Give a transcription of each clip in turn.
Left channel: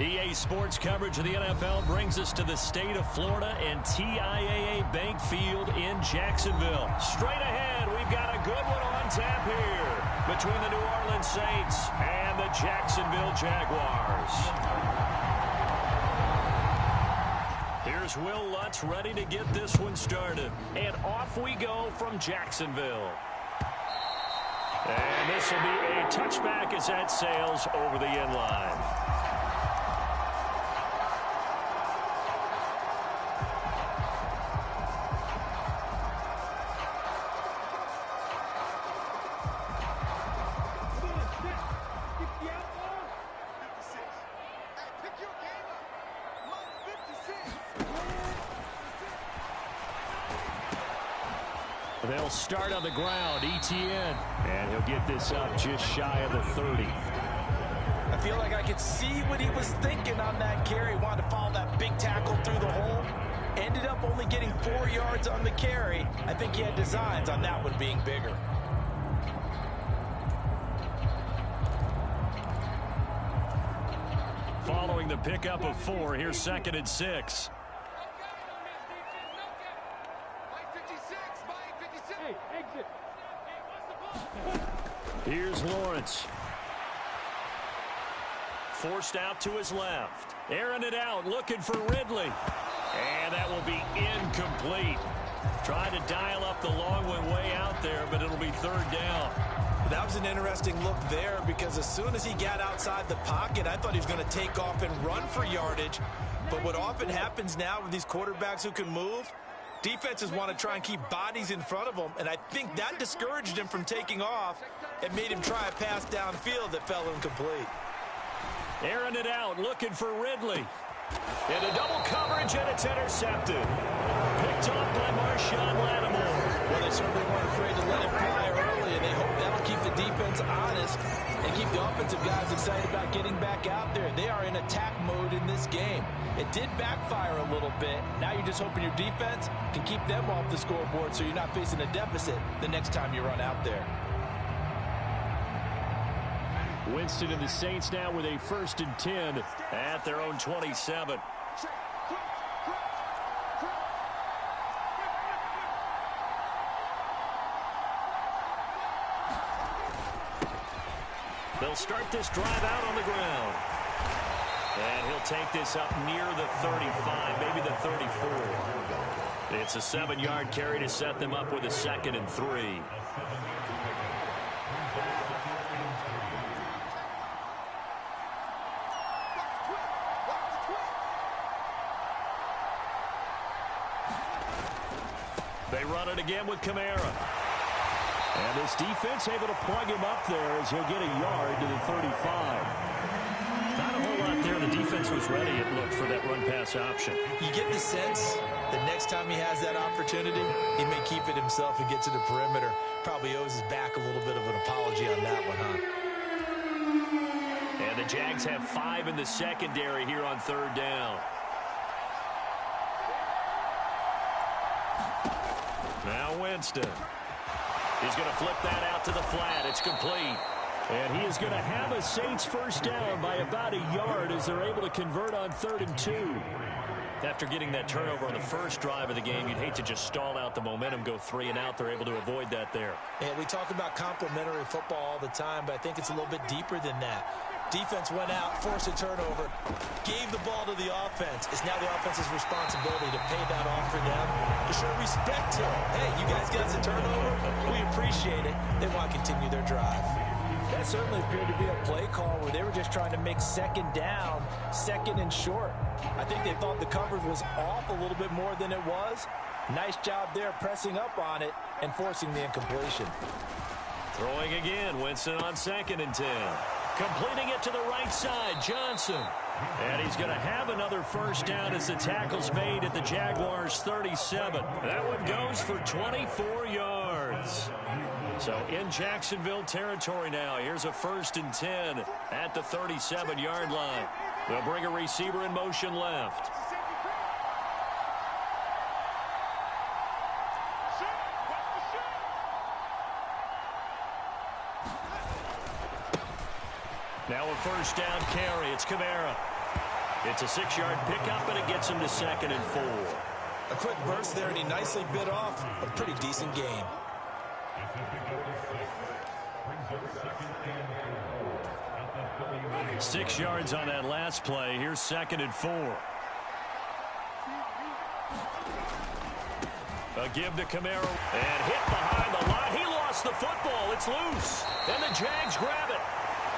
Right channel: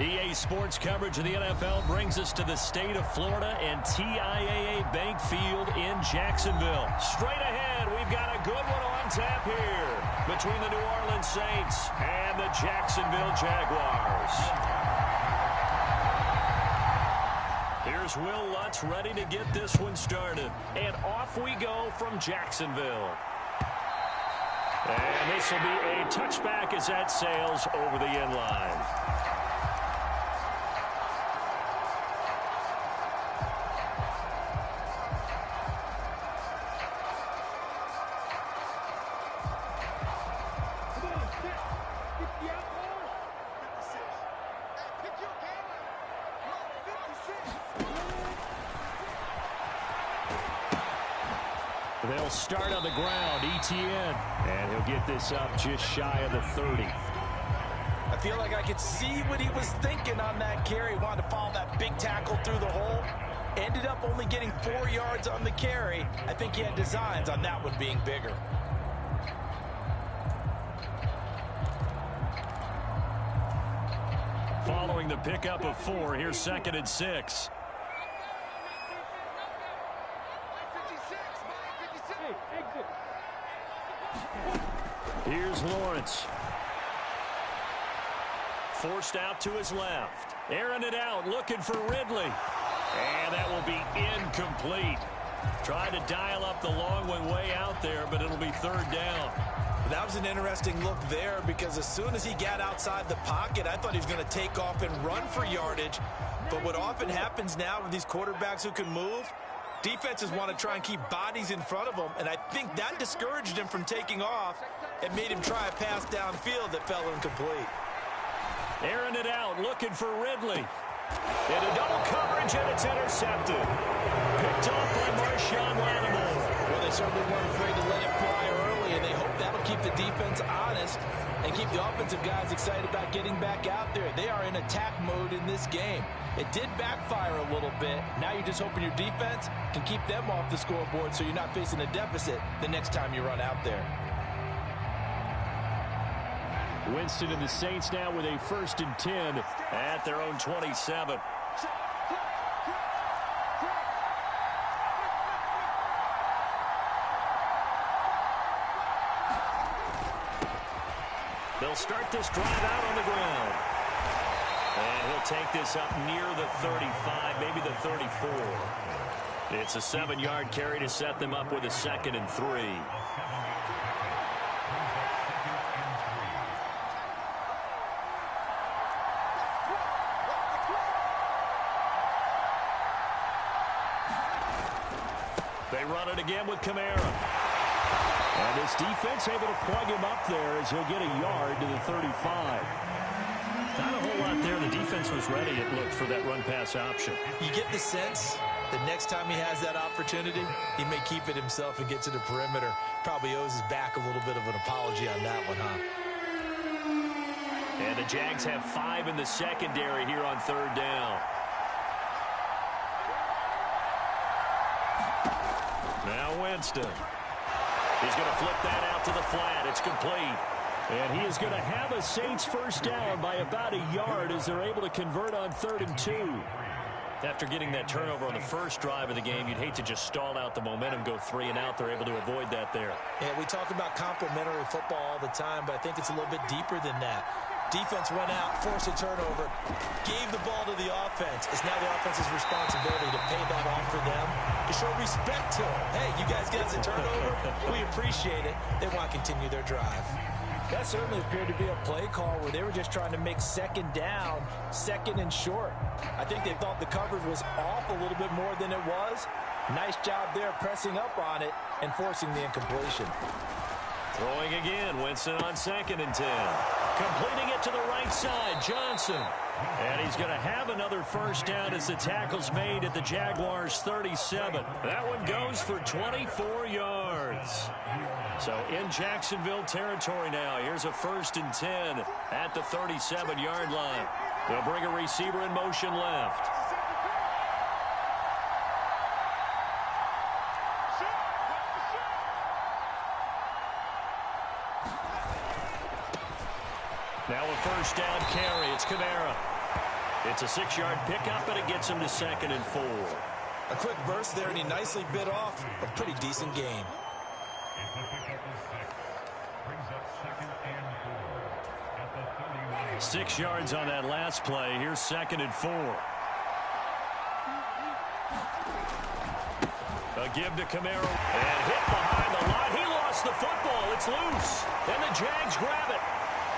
EA Sports coverage of the NFL brings us to the state of Florida and TIAA Bank Field in Jacksonville. Straight ahead, we've got a good one on tap here between the New Orleans Saints and the Jacksonville Jaguars. Here's Will Lutz ready to get this one started. And off we go from Jacksonville. And this will be a touchback as that sails over the end line. They'll start on the ground, ETN, and he'll get this up just shy of the 30. I feel like I could see what he was thinking on that carry. Wanted to follow that big tackle through the hole. Ended up only getting 4 yards on the carry. I think he had designs on that one being bigger. Following the pickup of 4, here's 2nd and 6. Here's Lawrence. Forced out to his left. Airing it out, looking for Ridley. And that will be incomplete. Tried to dial up the long one way out there, but it'll be 3rd down. That was an interesting look there because as soon as he got outside the pocket, I thought he was going to take off and run for yardage. But what often happens now with these quarterbacks who can move, defenses want to try and keep bodies in front of them, and I think that discouraged him from taking off and made him try a pass downfield that fell incomplete. Airing it out, looking for Ridley. Into double coverage, and it's intercepted. Picked off by Marshawn Lattimore. Well, they certainly weren't afraid to let it fly early, and they hope that'll keep the defense honest and keep the offensive guys excited about getting back out there. They are in attack mode in this game. It did backfire a little bit. Now you're just hoping your defense can keep them off the scoreboard so you're not facing a deficit the next time you run out there. Winston and the Saints now with a 1st and 10 at their own 27. They'll start this drive out on the ground. And he'll take this up near the 35, maybe the 34. It's a 7-yard carry to set them up with a 2nd and 3. They run it again with Kamara. And this defense able to plug him up there as he'll get a yard to the 35. Not a whole lot there. The defense was ready, it looked, for that run-pass option. You get the sense that next time he has that opportunity, he may keep it himself and get to the perimeter. Probably owes his back a little bit of an apology on that one, huh? And the Jags have 5 in the secondary here on 3rd down. Now Winston. He's going to flip that out to the flat. It's complete. And he is going to have a Saints 1st down by about a yard as they're able to convert on 3rd and 2. After getting that turnover on the first drive of the game, you'd hate to just stall out the momentum, go 3 and out. They're able to avoid that there. Yeah, we talk about complementary football all the time, but I think it's a little bit deeper than that. Defense went out, forced a turnover, gave the ball to the offense. It's now the offense's responsibility to pay that off for them, to show respect to them. Hey, you guys got a turnover? We appreciate it. They want to continue their drive. That certainly appeared to be a play call where they were just trying to make 2nd down, 2nd and short. I think they thought the coverage was off a little bit more than it was. Nice job there pressing up on it and forcing the incompletion. Throwing again, Winston on 2nd and 10. Completing it to the right side, Johnson. And he's going to have another 1st down as the tackle's made at the Jaguars' 37. That one goes for 24 yards. So in Jacksonville territory now. Here's a 1st and 10 at the 37-yard line. They'll bring a receiver in motion left. Now a 1st down carry. It's Kamara. It's a 6-yard pickup, and it gets him to 2nd and 4. A quick burst there, and he nicely bit off a pretty decent gain. It's a pickup of 6. Brings up 2nd and 4 at the 30-yard. 6 yards on that last play. Here's 2nd and 4. A give to Camaro. And hit behind the line. He lost the football. It's loose. And the Jags grab it.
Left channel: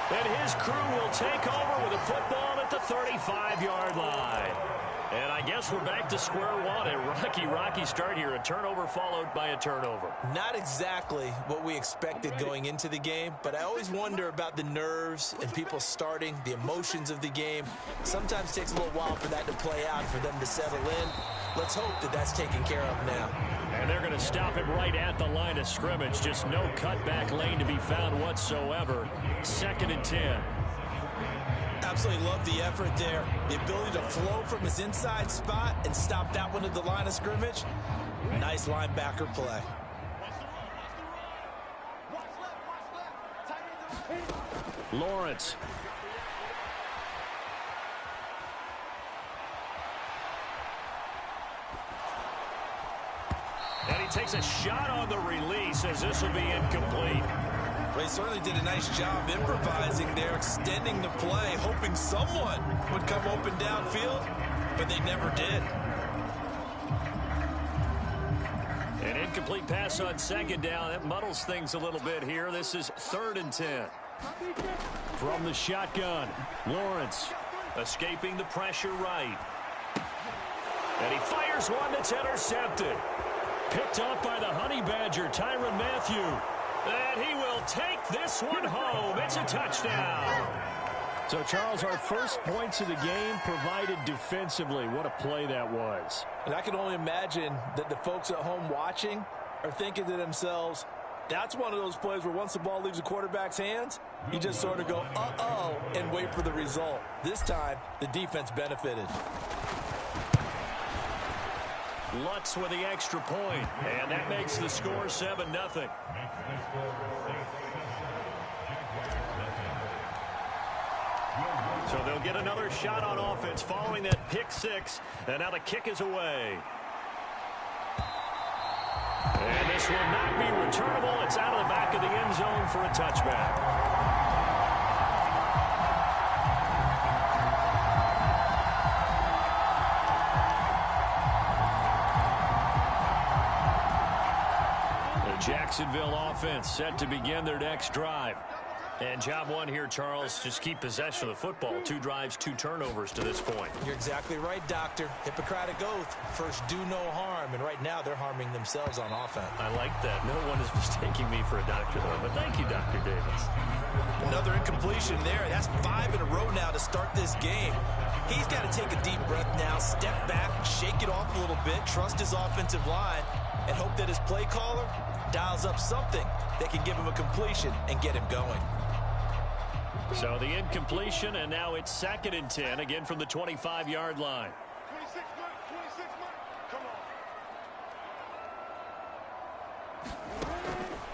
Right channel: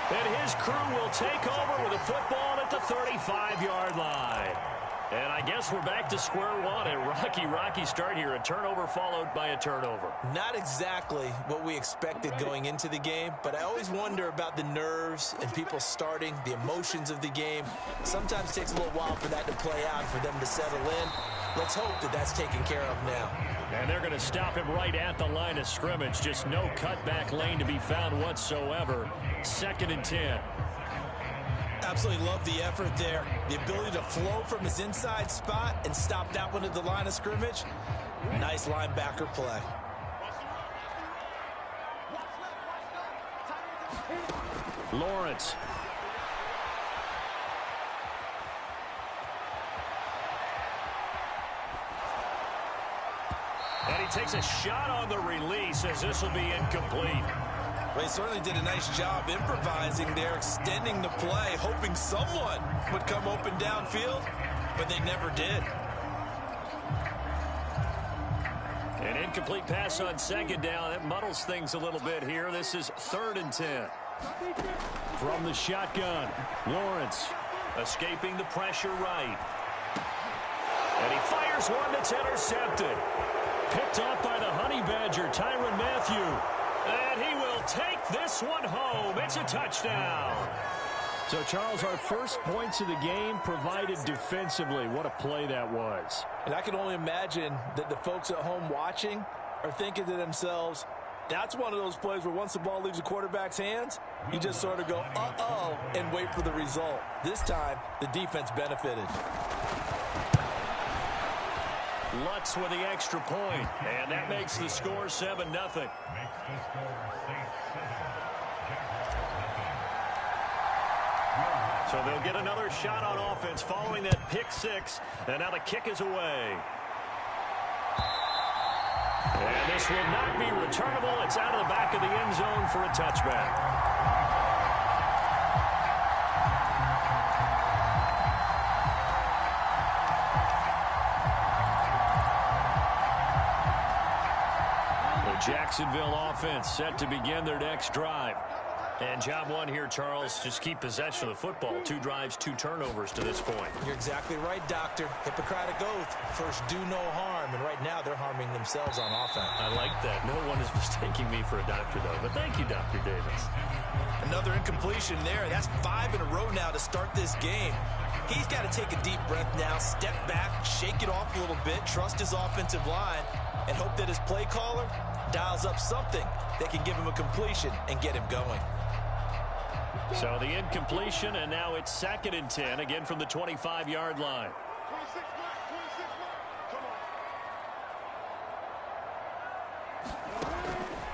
And his crew will take over with a football at the 35-yard line. And I guess we're back to square one. A rocky start here. A turnover followed by a turnover. Not exactly what we expected going into the game, but I always wonder about the nerves and people starting, the emotions of the game. Sometimes it takes a little while for that to play out, for them to settle in. Let's hope that that's taken care of now. And they're going to stop him right at the line of scrimmage. Just no cutback lane to be found whatsoever. 2nd and 10. Absolutely love the effort there. The ability to flow from his inside spot and stop that one at the line of scrimmage. Nice linebacker play. Lawrence. And he takes a shot on the release as this will be incomplete. Well, he certainly did a nice job improvising there, extending the play, hoping someone would come open downfield, but they never did. An incomplete pass on 2nd down. That muddles things a little bit here. This is 3rd and 10. From the shotgun, Lawrence escaping the pressure right. And he fires one that's intercepted. Picked off by the Honey Badger, Tyrann Mathieu. And he will take this one home. It's a touchdown. So, Charles, our first points of the game provided defensively. What a play that was. And I can only imagine that the folks at home watching are thinking to themselves, that's one of those plays where once the ball leaves the quarterback's hands, you just sort of go, uh-oh, and wait for the result. This time, the defense benefited. Lutz with the extra point, and that makes the score 7-0. Makes the score Saints 7, Jaguars 7. So they'll get another shot on offense following that pick 6, and now the kick is away. And this will not be returnable. It's out of the back of the end zone for a touchback. Jacksonville offense set to begin their next drive. And job one here, Charles, just keep possession of the football. 2 drives, 2 turnovers to this point. You're exactly right, Doctor. Hippocratic oath. First, do no harm. And right now, they're harming themselves on offense. I like that. No one is mistaking me for a doctor, though. But thank you, Dr. Davis. Another incompletion there. That's 5 in a row now to start this game. He's got to take a deep breath now, step back, shake it off a little bit, trust his offensive line, and hope that his play caller dials up something that can give him a completion and get him going. So the incompletion, and now it's 2nd and 10, again from the 25-yard line. 26 mark. Come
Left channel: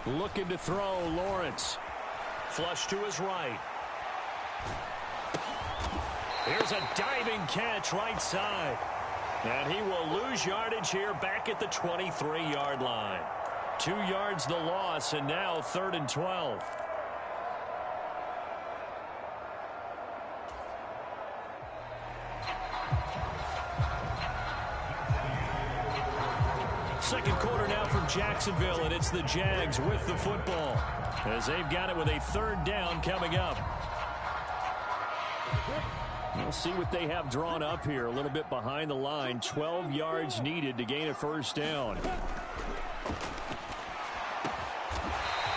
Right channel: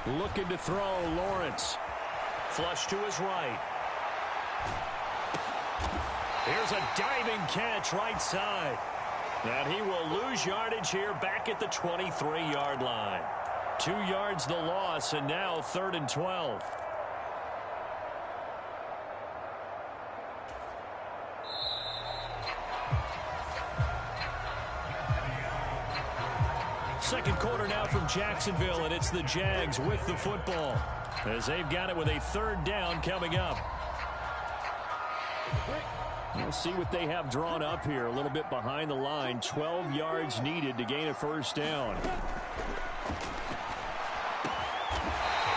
on. Looking to throw, Lawrence. Flush to his right. Here's a diving catch right side. And he will lose yardage here back at the 23-yard line. 2 yards the loss, and now 3rd and 12. Second quarter now from Jacksonville, and it's the Jags with the football as they've got it with a 3rd down coming up. We'll see what they have drawn up here. A little bit behind the line. 12 yards needed to gain a 1st down.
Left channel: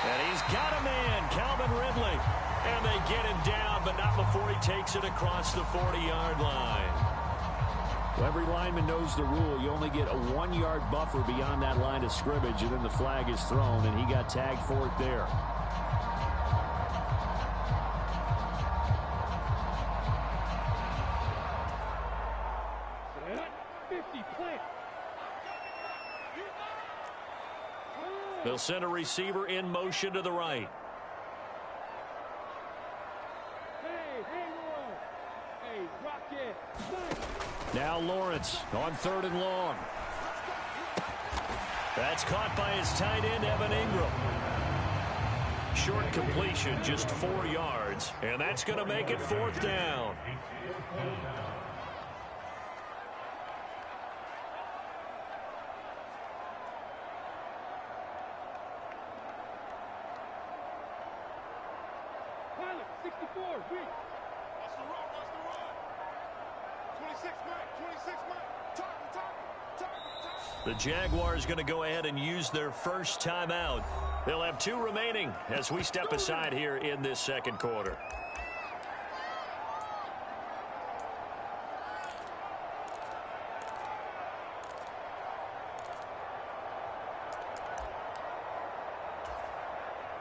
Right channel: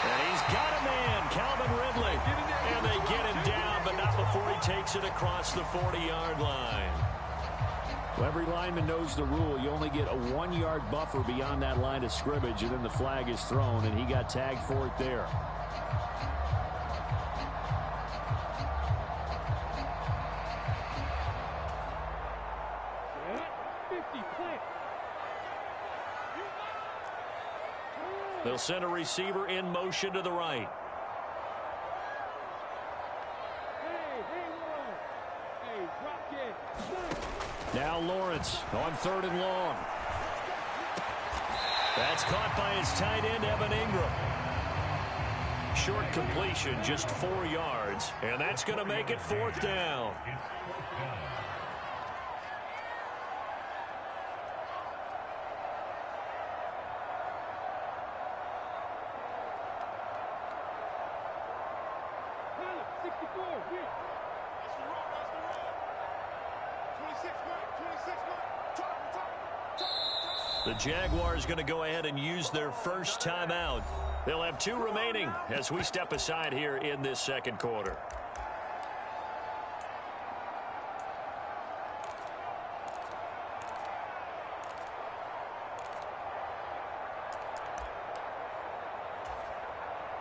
And he's got a man, Calvin Ridley. And they get him down, but not before he takes it across the 40-yard line. Well, every lineman knows the rule. You only get a 1-yard buffer beyond that line of scrimmage, and then the flag is thrown, and he got tagged for it there. They'll send a receiver in motion to the right. Hey, Roy. Hey, drop Now Lawrence on 3rd and long. That's caught by his tight end, Evan Ingram. Short completion, just 4 yards, and that's going to make it 4th down. Pilot, 64, weak. Watch the run, watch the run. 26, Mike, 26, Mike. Target. The Jaguars going to go ahead and use their first timeout. They'll have 2 remaining as we step aside here in this second quarter.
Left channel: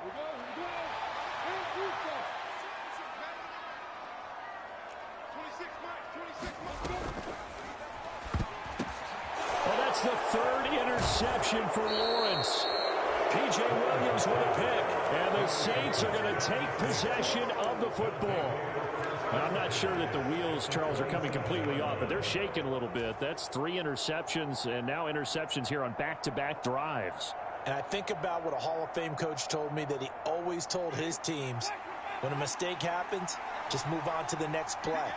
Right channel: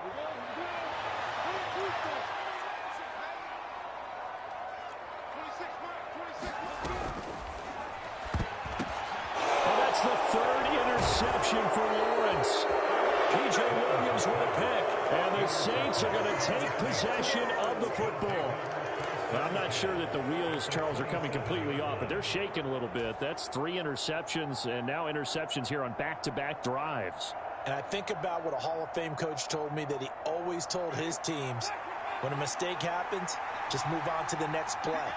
Here we go. Hey, Houston. 26, Mike, 26, Mike. Well, that's the 3rd interception for Lawrence. P.J. Williams with a pick, and the Saints are going to take possession of the football. Well, I'm not sure that the wheels, Charles, are coming completely off, but they're shaking a little bit. That's 3 interceptions, and now interceptions here on back-to-back drives. And I think about what a Hall of Fame coach told me, that he always told his teams, when a mistake happens, just move on to the next play.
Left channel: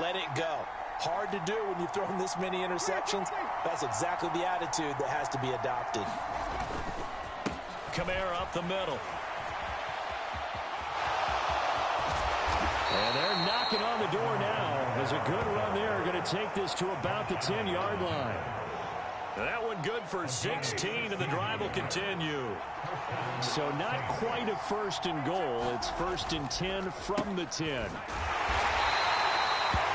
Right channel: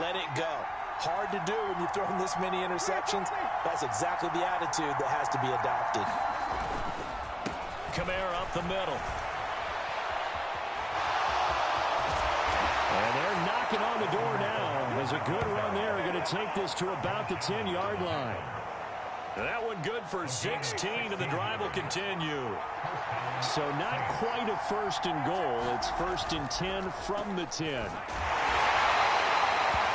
Let it go. Hard to do when you've thrown this many interceptions. That's exactly the attitude that has to be adopted. Kamara up the middle. And they're knocking on the door now. There's a good run there. Going to take this to about the 10-yard line. That one good for 16, and the drive will continue. So not quite a 1st and goal. It's 1st and 10 from the 10.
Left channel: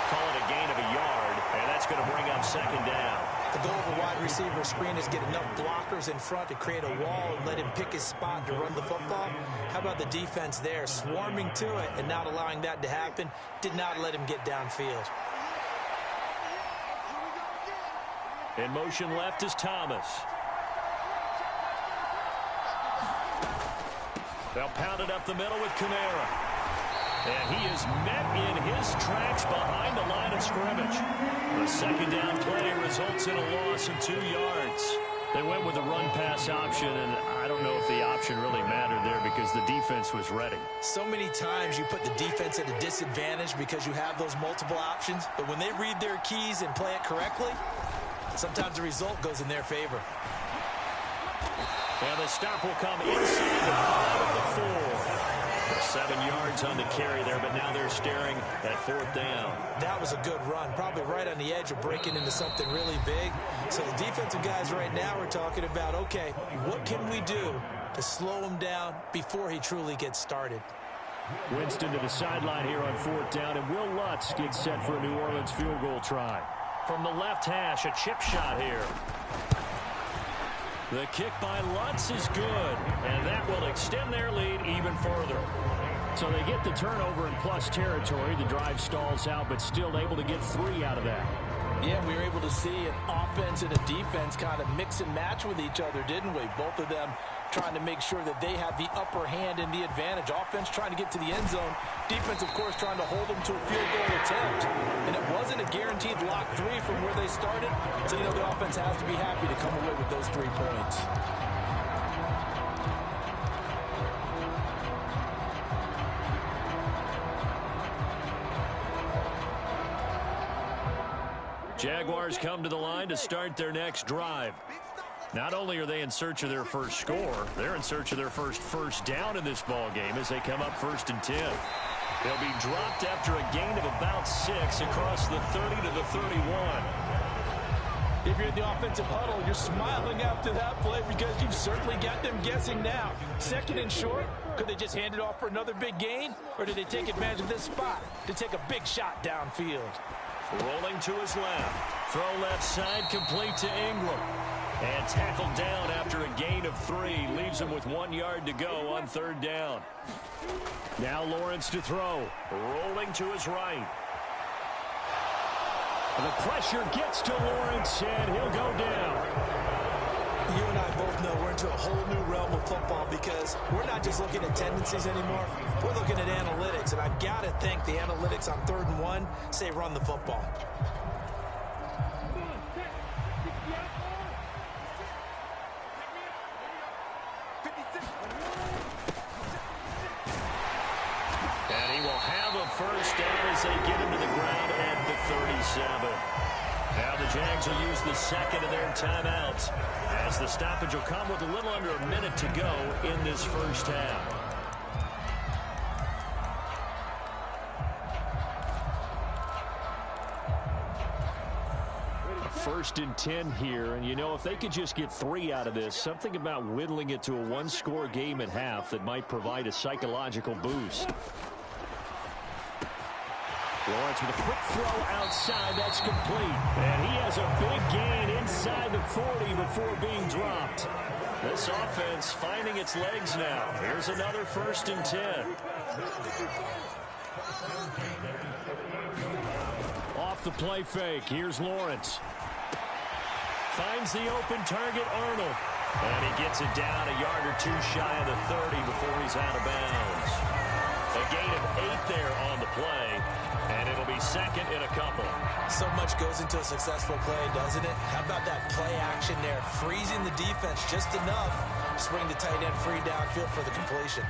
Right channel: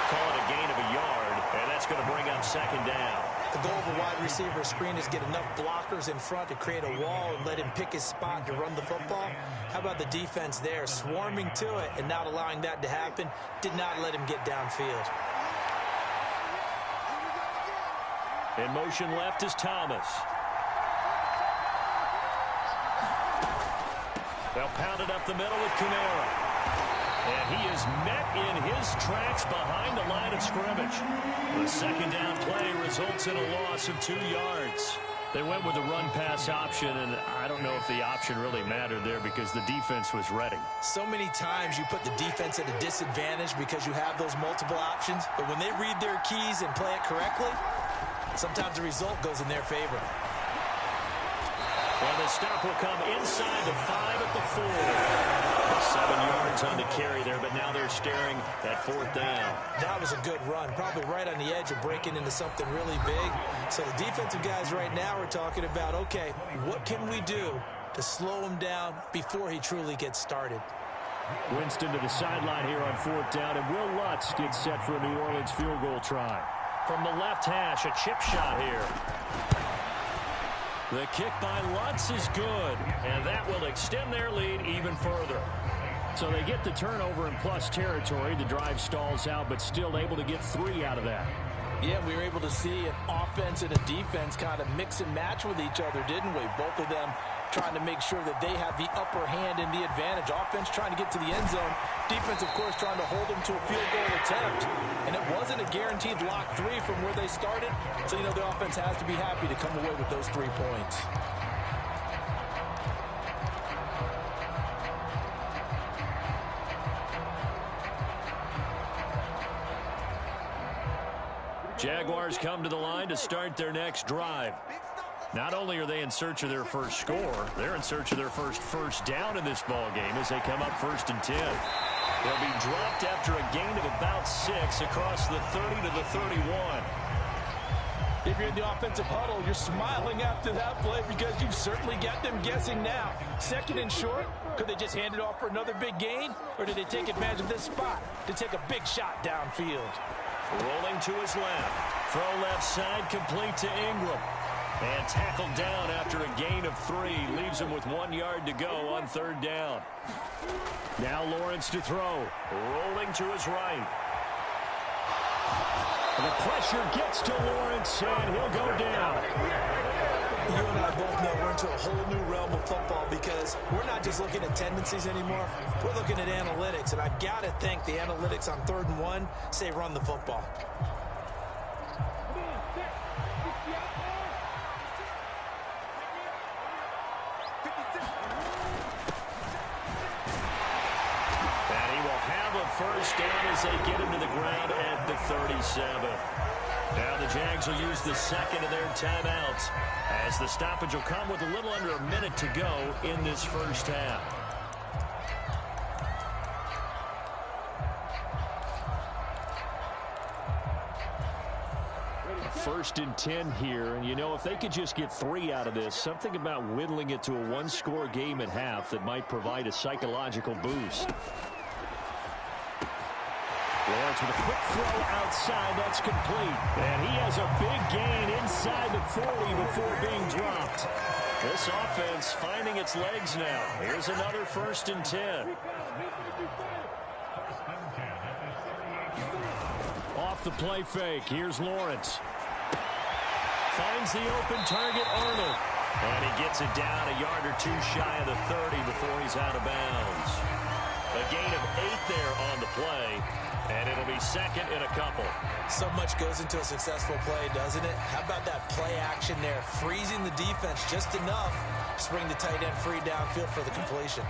Call it a gain of a yard, and that's going to bring up 2nd down. The goal of a wide receiver screen is get enough blockers in front to create a wall and let him pick his spot to run the football. How about the defense there, swarming to it and not allowing that to happen? Did not let him get downfield. In motion left is Thomas. They'll pound it up the middle with Kamara. And he is met in his tracks behind the line of scrimmage. The 2nd down play results in a loss of 2 yards. They went with the run-pass option, and I don't know if the option really mattered there because the defense was ready. So many times you put the defense at a disadvantage because you have those multiple options, but when they read their keys and play it correctly, sometimes the result goes in their favor. And the stop will come inside the 5 at the 4. 7 yards on the carry there, but now they're staring at 4th down. That was a good run, probably right on the edge of breaking into something really big. So the defensive guys right now are talking about, okay, what can we do to slow him down before he truly gets started? Winston to the sideline here on 4th down, and Will Lutz gets set for a New Orleans field goal try. From the left hash, a chip shot here. The kick by Lutz is good, and that will extend their lead even further. So they get the turnover in plus territory. The drive stalls out, but still able to get 3 out of that. Yeah, we were able to see an offense and a defense kind of mix and match with each other, didn't we? Both of them trying to make sure that they have the upper hand and the advantage. Offense trying to get to the end zone. Defense, of course, trying to hold them to a field goal attempt. And it wasn't a guaranteed lock 3 from where they started. So, you know, the offense has to be happy to come away with those 3 points. Jaguars come to the line to start their next drive. Not only are they in search of their first score, they're in search of their first down in this ball game as they come up 1st and 10. They'll be dropped after a gain of about 6 across the 30 to the 31. If you're in the offensive huddle, you're smiling after that play because you've certainly got them guessing now. 2nd and short, could they just hand it off for another big gain? Or did they take advantage of this spot to take a big shot downfield? Rolling to his left. Throw left side complete to Ingram. And tackled down after a gain of 3. Leaves him with 1 yard to go on 3rd down. Now Lawrence to throw. Rolling to his right. The pressure gets to Lawrence, and he'll go down. You and I both know we're into a whole new realm of football because we're not just looking at tendencies anymore. We're looking at analytics, and I've got to think the analytics on 3rd and 1 say run the football. And he will have a first down as they get him to the ground at the 37. Now the Jags will use the second of their timeouts as the stoppage will come with a little under a minute to go in this first half. A 1st and 10 here, and you know, if they could just get 3 out of this, something about whittling it to a one-score game at half that might provide a psychological boost. Lawrence with a quick throw outside. That's complete. And he has a big gain inside the 40 before being dropped. This offense finding its legs now. Here's another 1st and 10. Off the play fake. Here's Lawrence. Finds the open target, Arnold. And he gets it down a yard or 2 shy of the 30 before he's out of bounds. A gain of 8 there on the play. And it'll be 2nd and a couple. So much goes into a successful play, doesn't it? How about that play action there? Freezing the defense just enough to swing the tight end free downfield for the completion.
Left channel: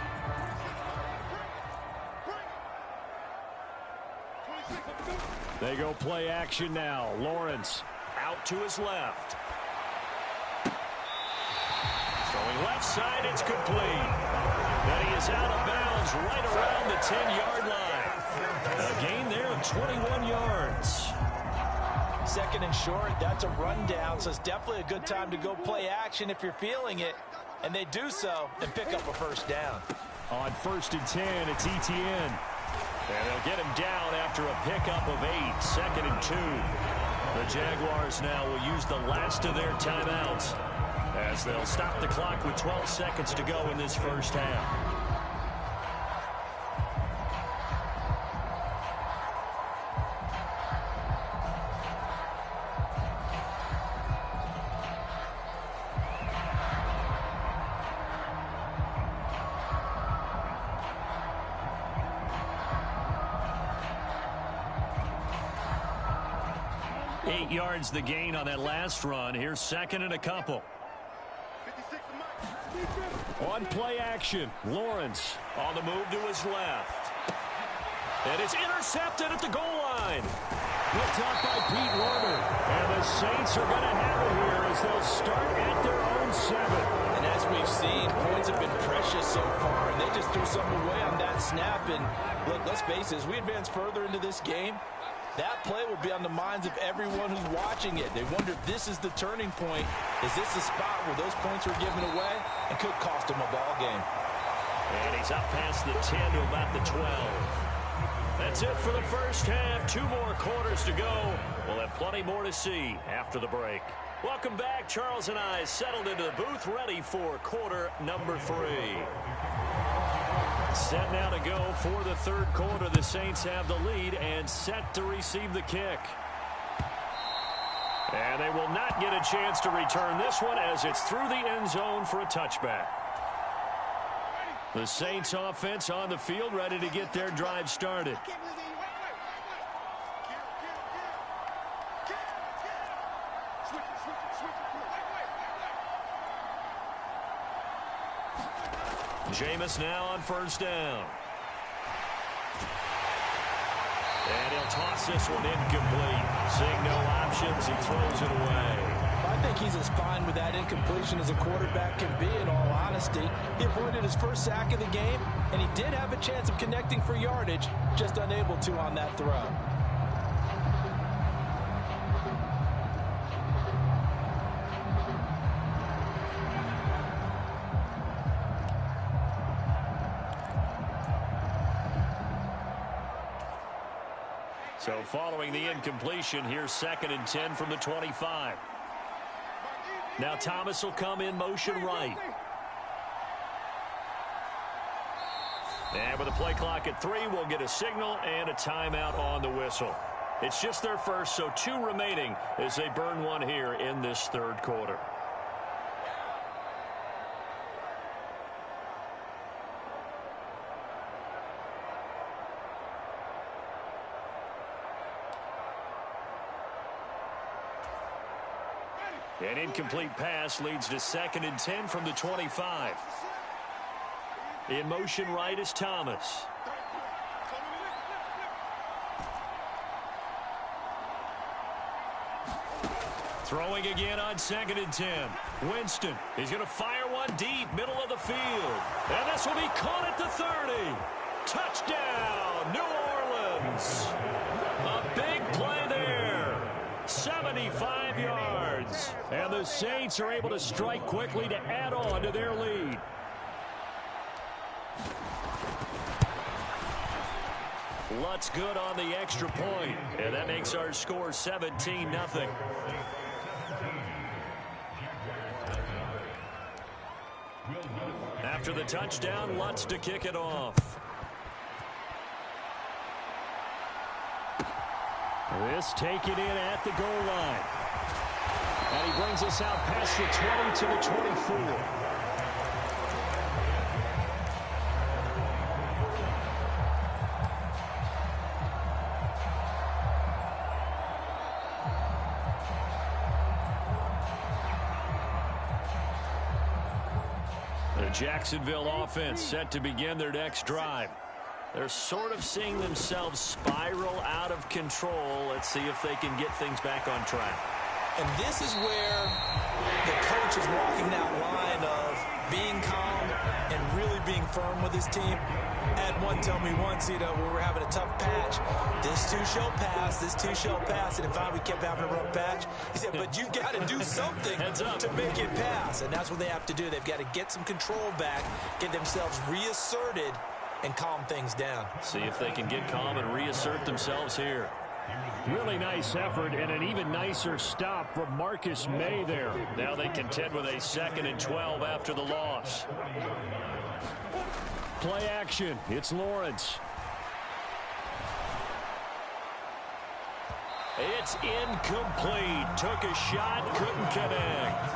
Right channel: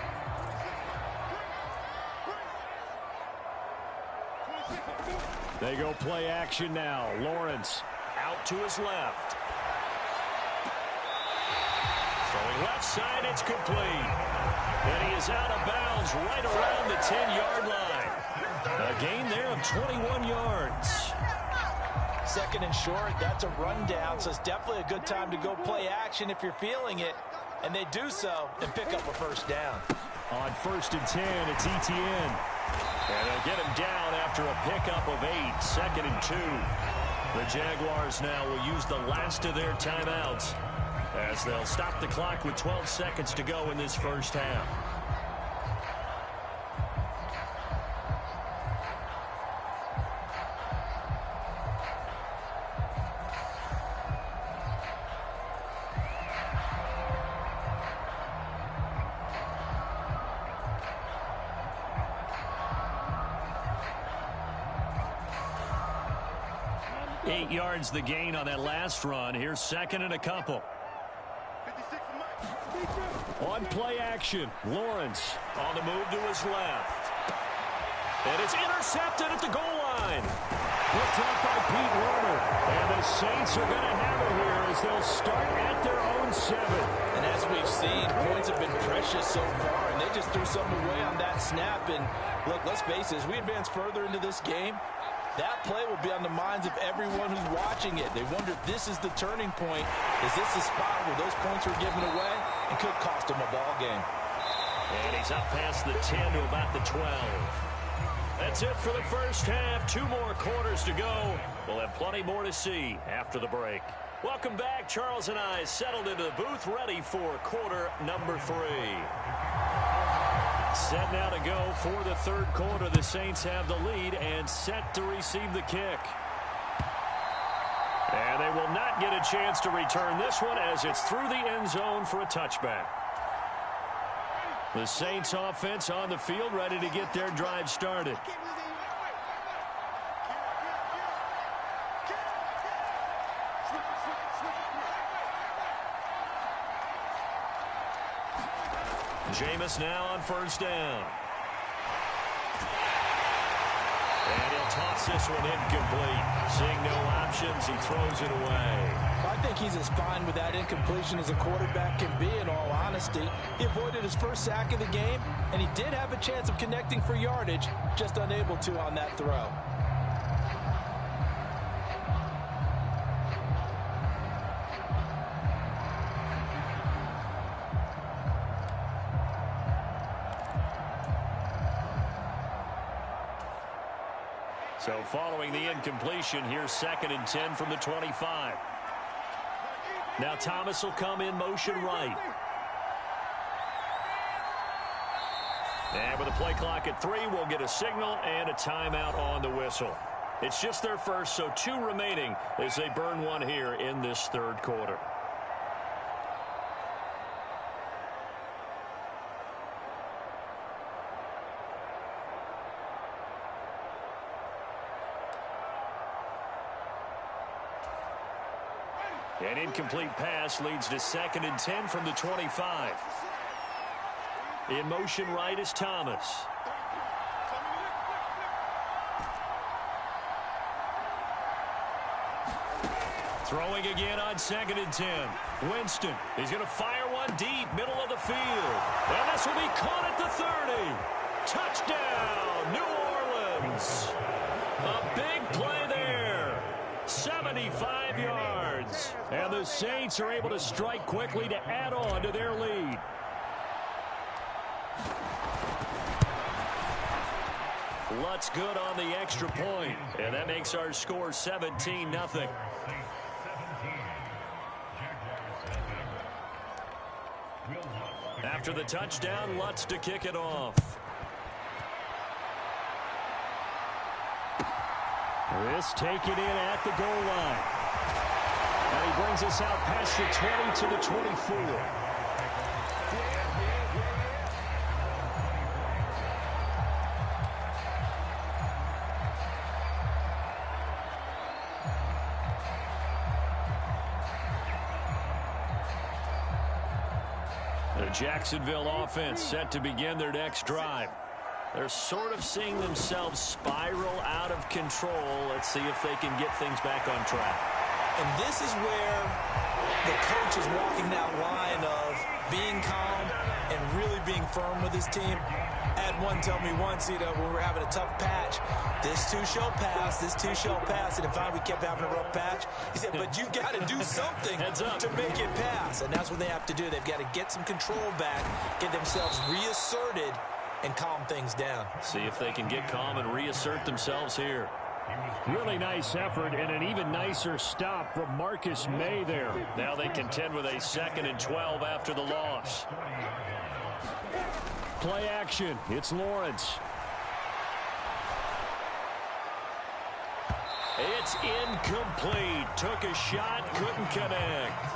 They go play action now. Lawrence out to his left. Throwing left side, it's complete. And he is out of bounds right around the 10-yard line. A gain there of 21 yards. 2nd and short, that's a rundown, so it's definitely a good time to go play action if you're feeling it. And they do so and pick up a first down. On 1st and 10, it's Etienne. And they'll get him down after a pickup of 8, 2nd and 2. The Jaguars now will use the last of their timeouts as they'll stop the clock with 12 seconds to go in this first half. Eight yards the gain on that last run. Here's 2nd and a couple. On play action, Lawrence on the move to his left. And it's intercepted at the goal line. Picked up by Pete Werner. And the Saints are going to have it here as they'll start at their own 7. And as we've seen, points have been precious so far, and they just threw something away on that snap. And look, let's face it, as we advance further into this game, that play will be on the minds of everyone who's watching it. They wonder if this is the turning point. Is this the spot where those points were given away and could cost them a ball game? And he's up past the 10 to about the 12. That's it for the first half. 2 more quarters to go. We'll have plenty more to see after the break. Welcome back. Charles and I settled into the booth, ready for quarter number 3. Set now to go for the 3rd quarter. The Saints have the lead and set to receive the kick. And they will not get a chance to return this one as it's through the end zone for a touchback. The Saints offense on the field, ready to get their drive started. Jameis now on 1st down. And he'll toss this one incomplete. Seeing no options, he throws it away. I think he's as fine with that incompletion as a quarterback can be, in all honesty. He avoided his first sack of the game, and he did have a chance of connecting for yardage, just unable to on that throw. So following the incompletion, here's 2nd and 10 from the 25. Now Thomas will come in motion right. And with the play clock at 3, we'll get a signal and a timeout on the whistle. It's just their first, so 2 remaining as they burn one here in this 3rd quarter. An incomplete pass leads to 2nd and 10 from the 25. In motion right is Thomas. Throwing again on 2nd and 10. Winston, he's going to fire one deep, middle of the field. And this will be caught at the 30. Touchdown, New Orleans. A big play there. 75 yards. And the Saints are able to strike quickly to add on to their lead. Lutz good on the extra point. And that makes our score 17-0. After the touchdown, Lutz to kick it off. This taken in at the goal line. And he brings us out past the 20 to the 24. The Jacksonville offense set to begin their next drive. They're sort of seeing themselves spiral out of control. Let's see if they can get things back on track. And this is where the coach is walking that line of being calm and really being firm with his team. I had one tell me once, when we were having a tough patch, this too shall pass, this too shall pass. And in fact, we kept having a rough patch. He said, but you've got to do something to make it pass. And that's what they have to do. They've got to get some control back, get themselves reasserted, and calm things down. See if they can get calm and reassert themselves here. Really nice effort and an even nicer stop from Marcus May there. Now they contend with a 2nd and 12 after the loss. Play action. It's Lawrence. It's incomplete. Took a shot, couldn't connect.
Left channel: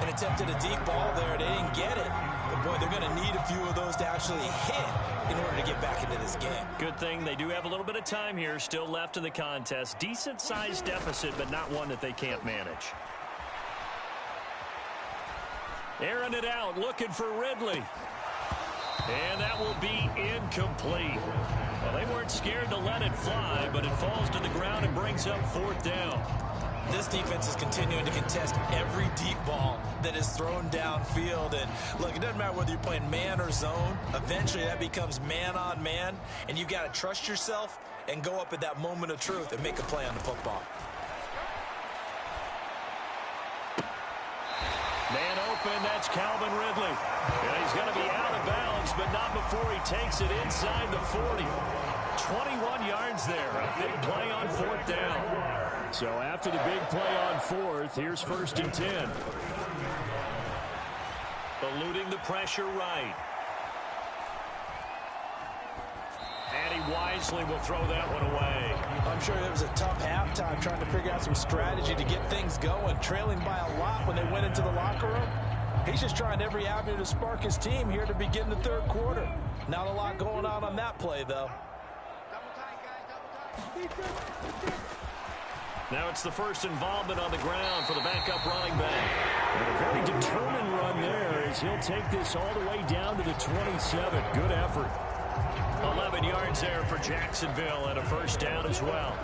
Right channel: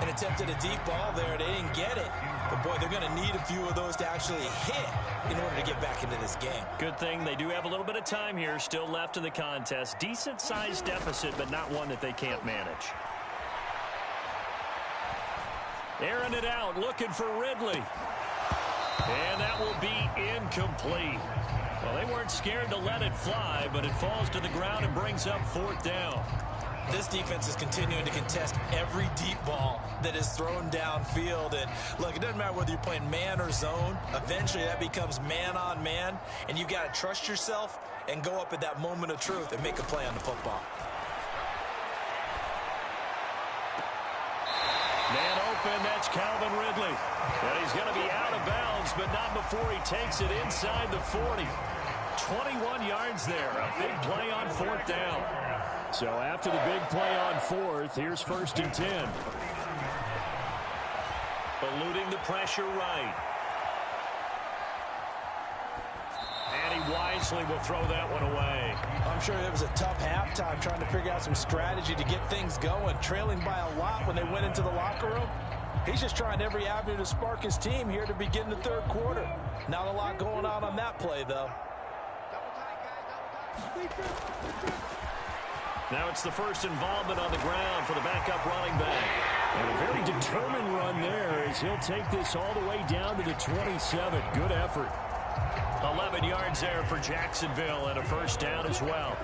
And attempted a deep ball there. They didn't get it. But, boy, they're going to need a few of those to actually hit in order to get back into this game. Good thing they do have a little bit of time here still left in the contest. Decent-sized deficit, but not one that they can't manage. Airing it out, looking for Ridley. And that will be incomplete. Well, they weren't scared to let it fly, but it falls to the ground and brings up 4th down. This defense is continuing to contest every deep ball that is thrown downfield. And, look, it doesn't matter whether you're playing man or zone. Eventually, that becomes man on man. And you've got to trust yourself and go up at that moment of truth and make a play on the football. Man open, that's Calvin Ridley. And he's going to be out of bounds, but not before he takes it inside the 40. 21 yards there. A big play on 4th down. So after the big play on 4th, here's 1st and 10. Eluding the pressure right. And he wisely will throw that one away. I'm sure it was a tough halftime trying to figure out some strategy to get things going, trailing by a lot when they went into the locker room. He's just trying every avenue to spark his team here to begin the 3rd quarter. Not a lot going on that play, though. Double tight, guys, double tight. Now it's the first involvement on the ground for the backup running back. And a very determined run there as he'll take this all the way down to the 27. Good effort. 11 yards there for Jacksonville and a 1st down as well.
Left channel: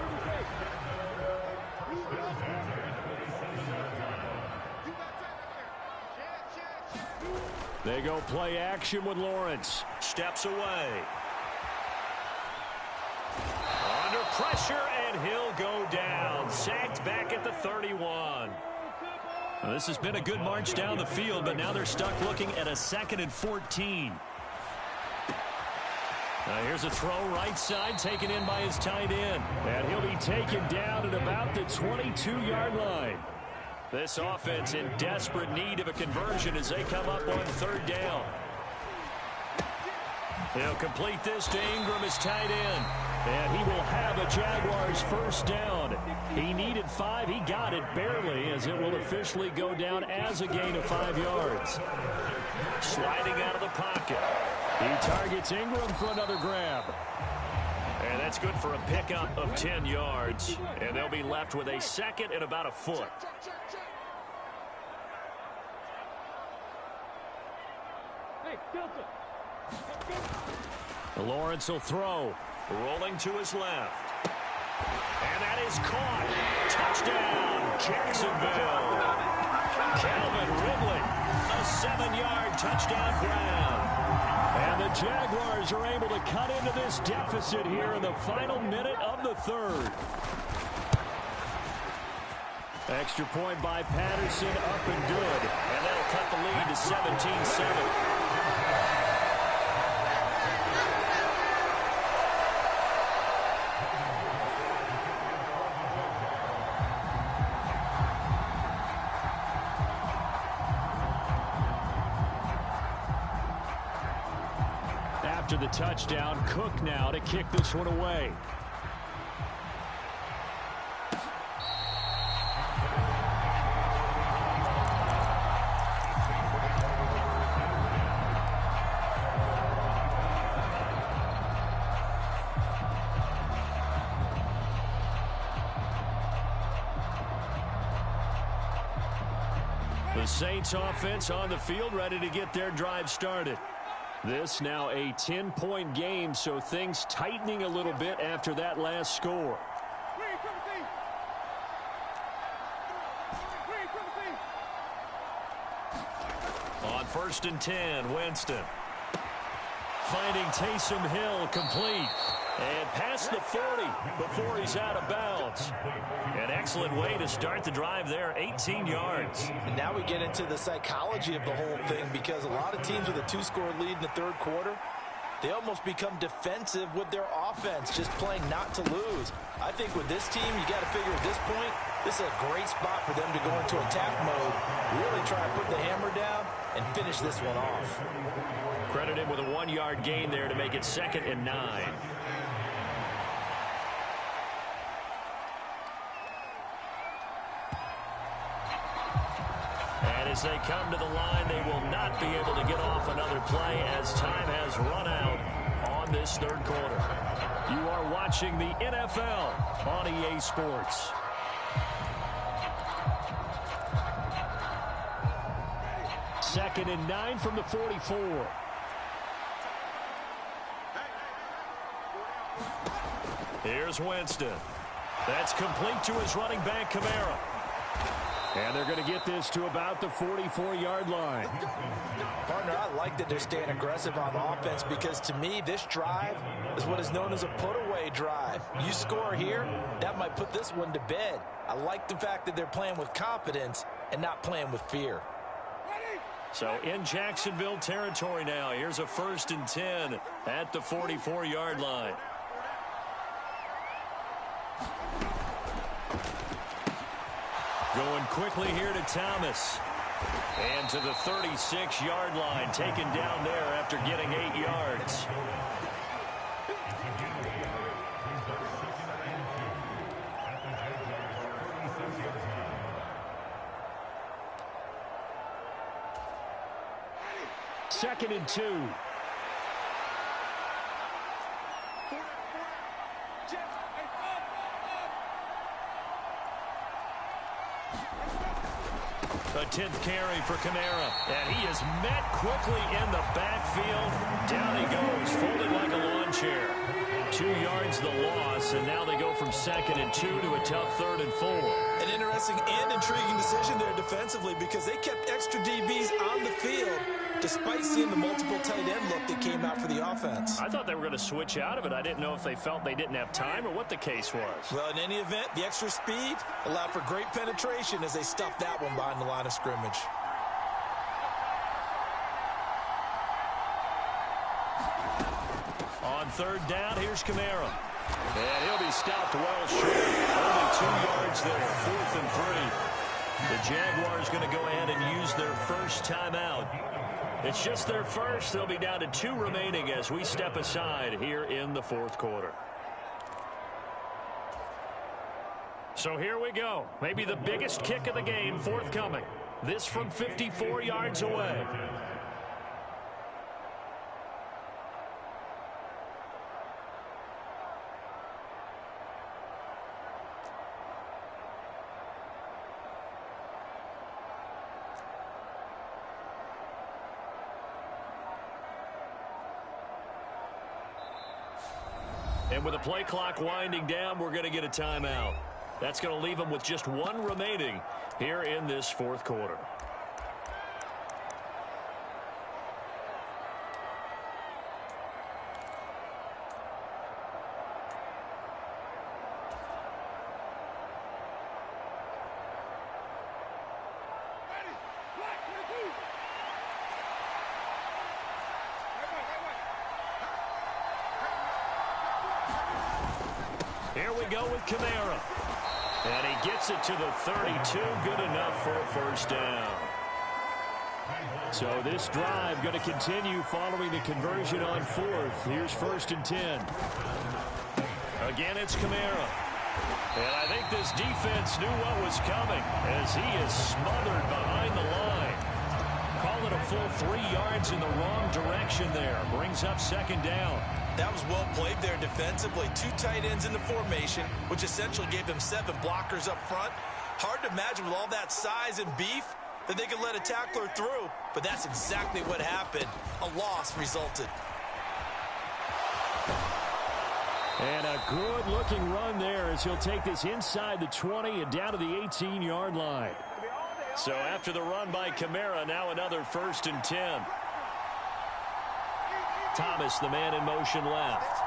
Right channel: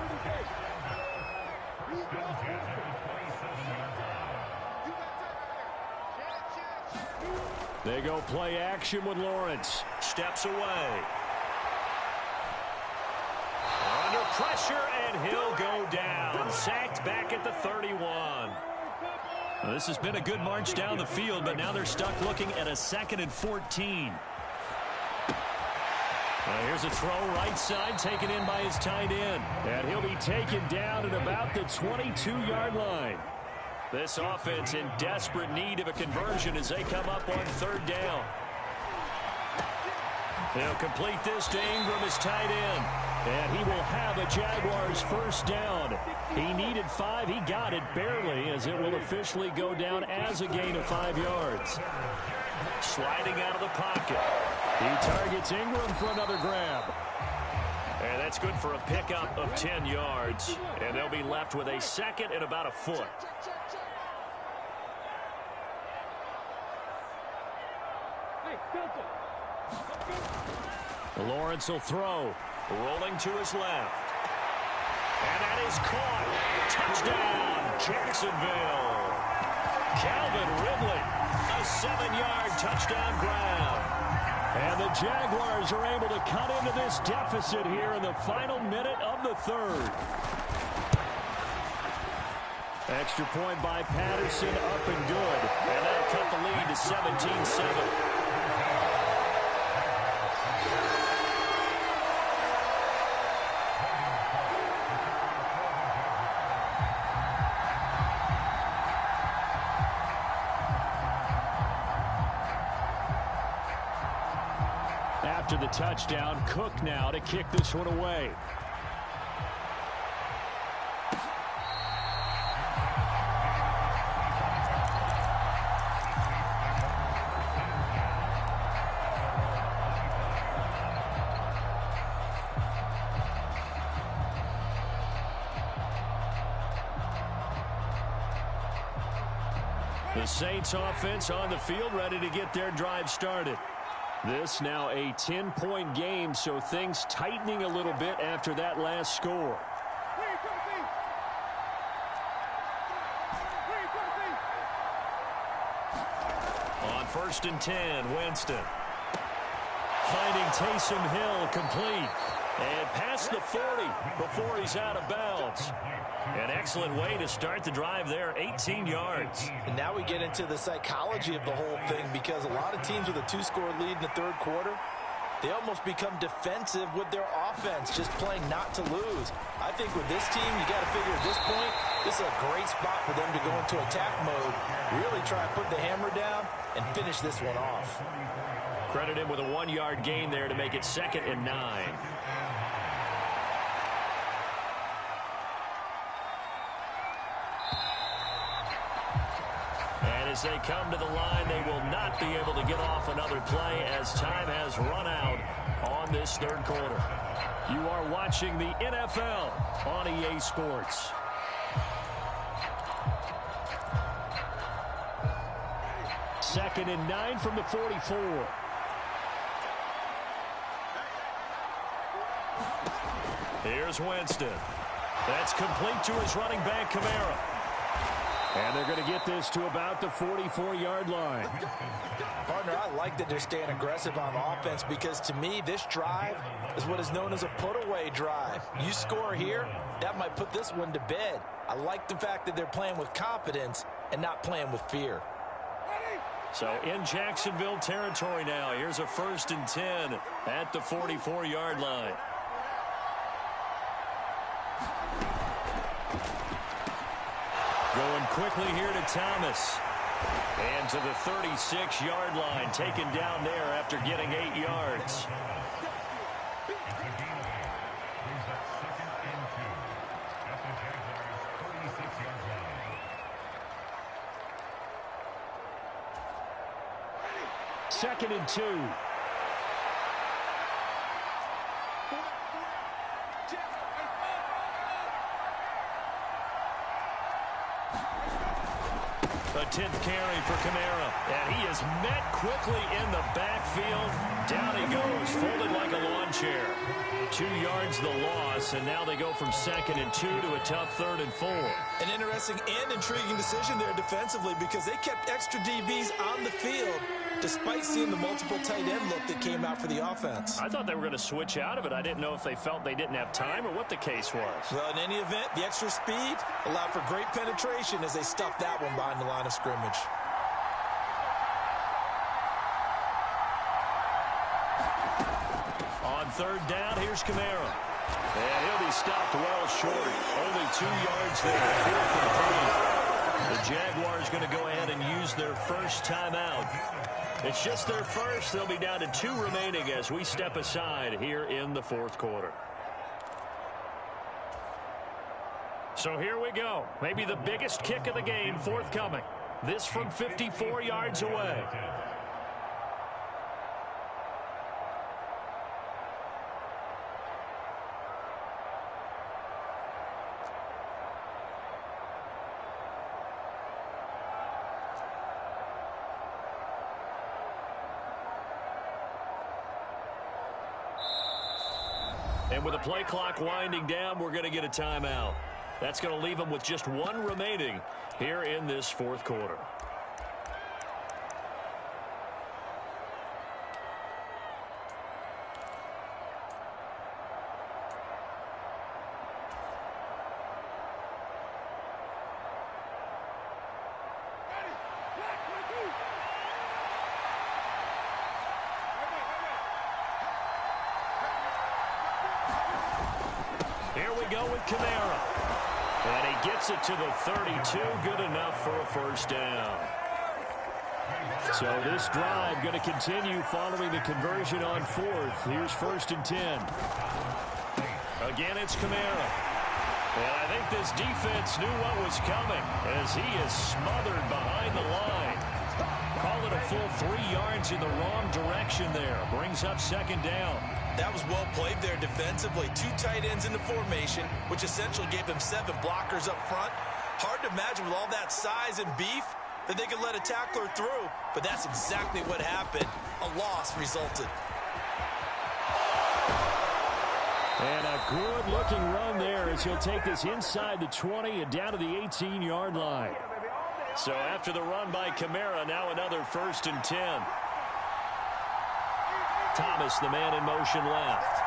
They go play action with Lawrence. Steps away. Under pressure, and he'll go down. Sacked back at the 31. Well, this has been a good march down the field, but now they're stuck looking at a 2nd and 14. Here's a throw right side taken in by his tight end. And he'll be taken down at about the 22-yard line. This offense in desperate need of a conversion as they come up on 3rd down. He'll complete this to Ingram, his tight end. And he will have a Jaguars 1st down. He needed 5. He got it barely as it will officially go down as a gain of 5 yards. Sliding out of the pocket. He targets Ingram for another grab. And that's good for a pickup of 10 yards. And they'll be left with a 2nd and about a foot. Lawrence will throw. Rolling to his left. And that is caught. Touchdown, Jacksonville. Calvin Ridley, a 7-yard touchdown grab. And the Jaguars are able to cut into this deficit here in the final minute of the third. Extra point by Patterson, up and good. And that'll cut the lead to 17-7. After the touchdown, Cook now to kick this one away. The Saints offense on the field, ready to get their drive started. This now a 10-point game, so things tightening a little bit after that last score. On 1st and 10, Winston. Finding Taysom Hill complete. And past the 40 before he's out of bounds. An excellent way to start the drive there, 18 yards. And now we get into the psychology of the whole thing, because a lot of teams with a 2-score lead in the third quarter, they almost become defensive with their offense, just playing not to lose. I think with this team, you got to figure at this point, this is a great spot for them to go into attack mode, really try to put the hammer down and finish this one off. Credit him with a 1-yard gain there to make it 2nd and 9. And as they come to the line, they will not be able to get off another play as time has run out on this third quarter. You are watching the NFL on EA Sports. Second and 9 from the 44. Here's Winston. That's complete to his running back, Kamara. And they're going to get this to about the 44-yard line. Partner, I like that they're staying aggressive on offense, because to me, this drive is what is known as a put-away drive. You score here, that might put this one to bed. I like the fact that they're playing with confidence and not playing with fear. So in Jacksonville territory now. Here's a 1st and 10 at the 44-yard line. Going quickly here to Thomas. And to the 36-yard line, taken down there after getting 8 yards. Second and 2. A 10th carry for Kamara. And he is met quickly in the backfield. Down he goes, folded like a lawn chair. 2 yards the loss, and now they go from 2nd and 2 to a tough 3rd and 4. An interesting and intriguing decision there defensively, because they kept extra DBs on the field despite seeing the multiple tight end look that came out for the offense. I thought they were going to switch out of it. I didn't know if they felt they didn't have time or what the case was. Well, in any event, the extra speed allowed for great penetration as they stuffed that one behind the line of scrimmage. On 3rd down, here's Kamara. And he'll be stopped well short. Only 2 yards there, 4th and 3. The Jaguars going to go ahead and use their first timeout. It's just their first. They'll be down to 2 remaining as we step aside here in the 4th quarter. So here we go. Maybe the biggest kick of the game forthcoming. This from 54 yards away. And with the play clock winding down, we're going to get a timeout. That's going to leave them with just one remaining here in this fourth quarter. Here we go with Kamara. And he gets it to the 32. Good enough for a first down. So this drive going to continue following the conversion on fourth. Here's 1st and 10. Again, it's Kamara. And I think this defense knew what was coming as he is smothered behind the line. Call it a full 3 yards in the wrong direction there. Brings up 2nd down. That was well played there defensively. 2 tight ends in the formation, which essentially gave them 7 blockers up front. Hard to imagine with all that size and beef that they could let a tackler through, but that's exactly what happened. A loss resulted. And a good-looking run there as he'll take this inside the 20 and down to the 18-yard line. So after the run by Kamara, now another 1st and 10. Thomas, the man in motion left.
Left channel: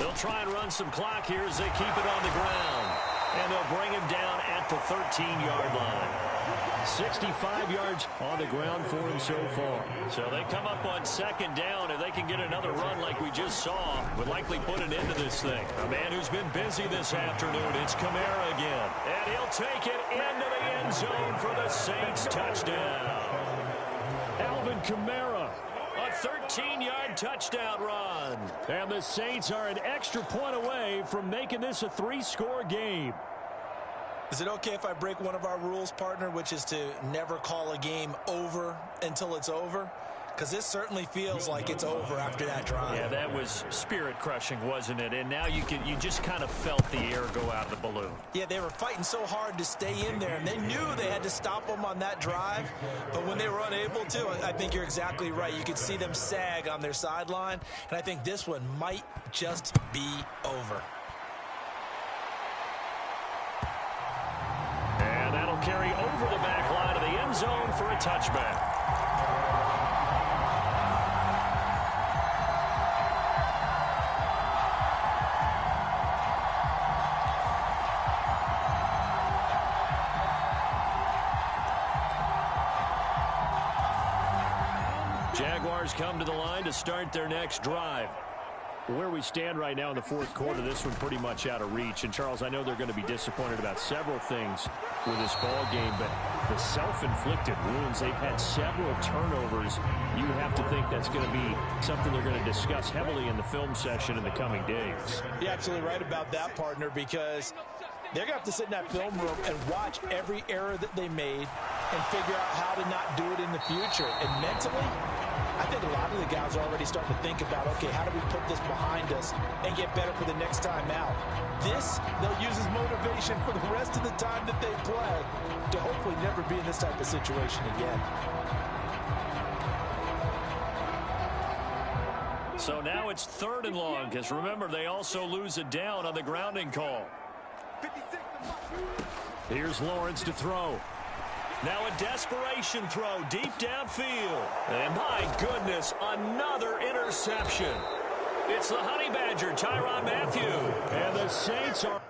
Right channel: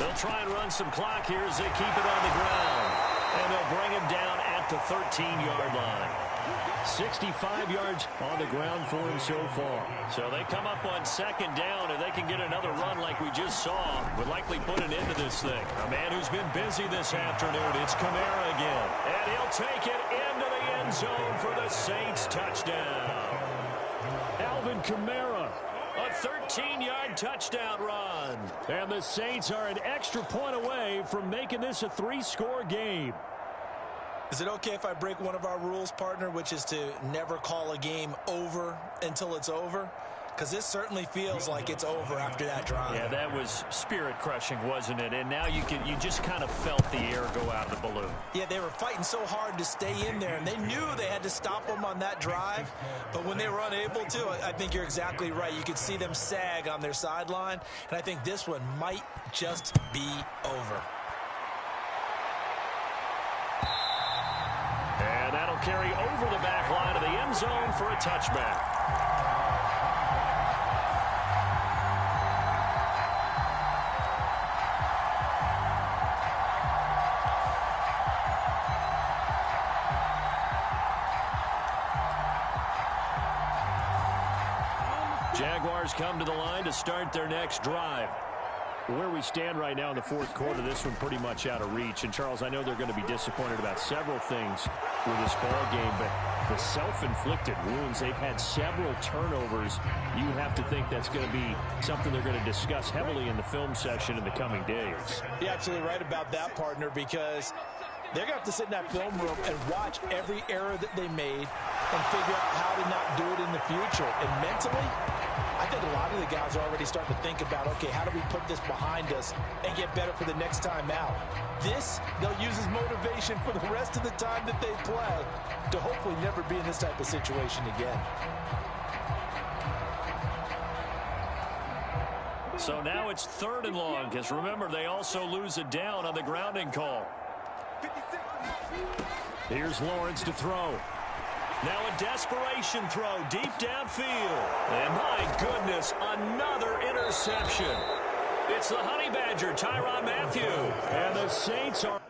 They'll try and run some clock here as they keep it on the ground. And they'll bring him down at the 13-yard line. 65 yards on the ground for him so far. So they come up on 2nd down, and they can get another run like we just saw. Would likely put an end to this thing. A man who's been busy this afternoon. It's Kamara again. And he'll take it into the end zone for the Saints touchdown. Alvin Kamara. A 13-yard touchdown run. And the Saints are an extra point away from making this a 3-score game. Is it okay if I break one of our rules, partner, which is to never call a game over until it's over? Because this certainly feels like it's over after that drive. Yeah, that was spirit-crushing, wasn't it? And now you just kind of felt the air go out of the balloon. Yeah, they were fighting so hard to stay in there, and they knew they had to stop them on that drive. But when they were unable to, I think you're exactly right. You could see them sag on their sideline, and I think this one might just be over. And that'll carry over the back line of the end zone for a touchback. Jaguars come to the line to start their next drive. Where we stand right now in the fourth quarter, this one pretty much out of reach. And, Charles, I know they're going to be disappointed about several things with this ball game, but the self-inflicted wounds, they've had several turnovers. You have to think that's going to be something they're going to discuss heavily in the film session in the coming days. You're absolutely right about that, partner, because they're going to have to sit in that film room and watch every error that they made and figure out how to not do it in the future. And mentally, I think a lot of the guys are already starting to think about, okay, how do we put this behind us and get better for the next time out? This, they'll use as motivation for the rest of the time that they play to hopefully never be in this type of situation again. So now it's 3rd and long, because remember, they also lose it down on the grounding call. Here's Lawrence to throw. Now a desperation throw deep downfield. And my goodness, another interception. It's the Honey Badger, Tyrann Mathieu. And the Saints are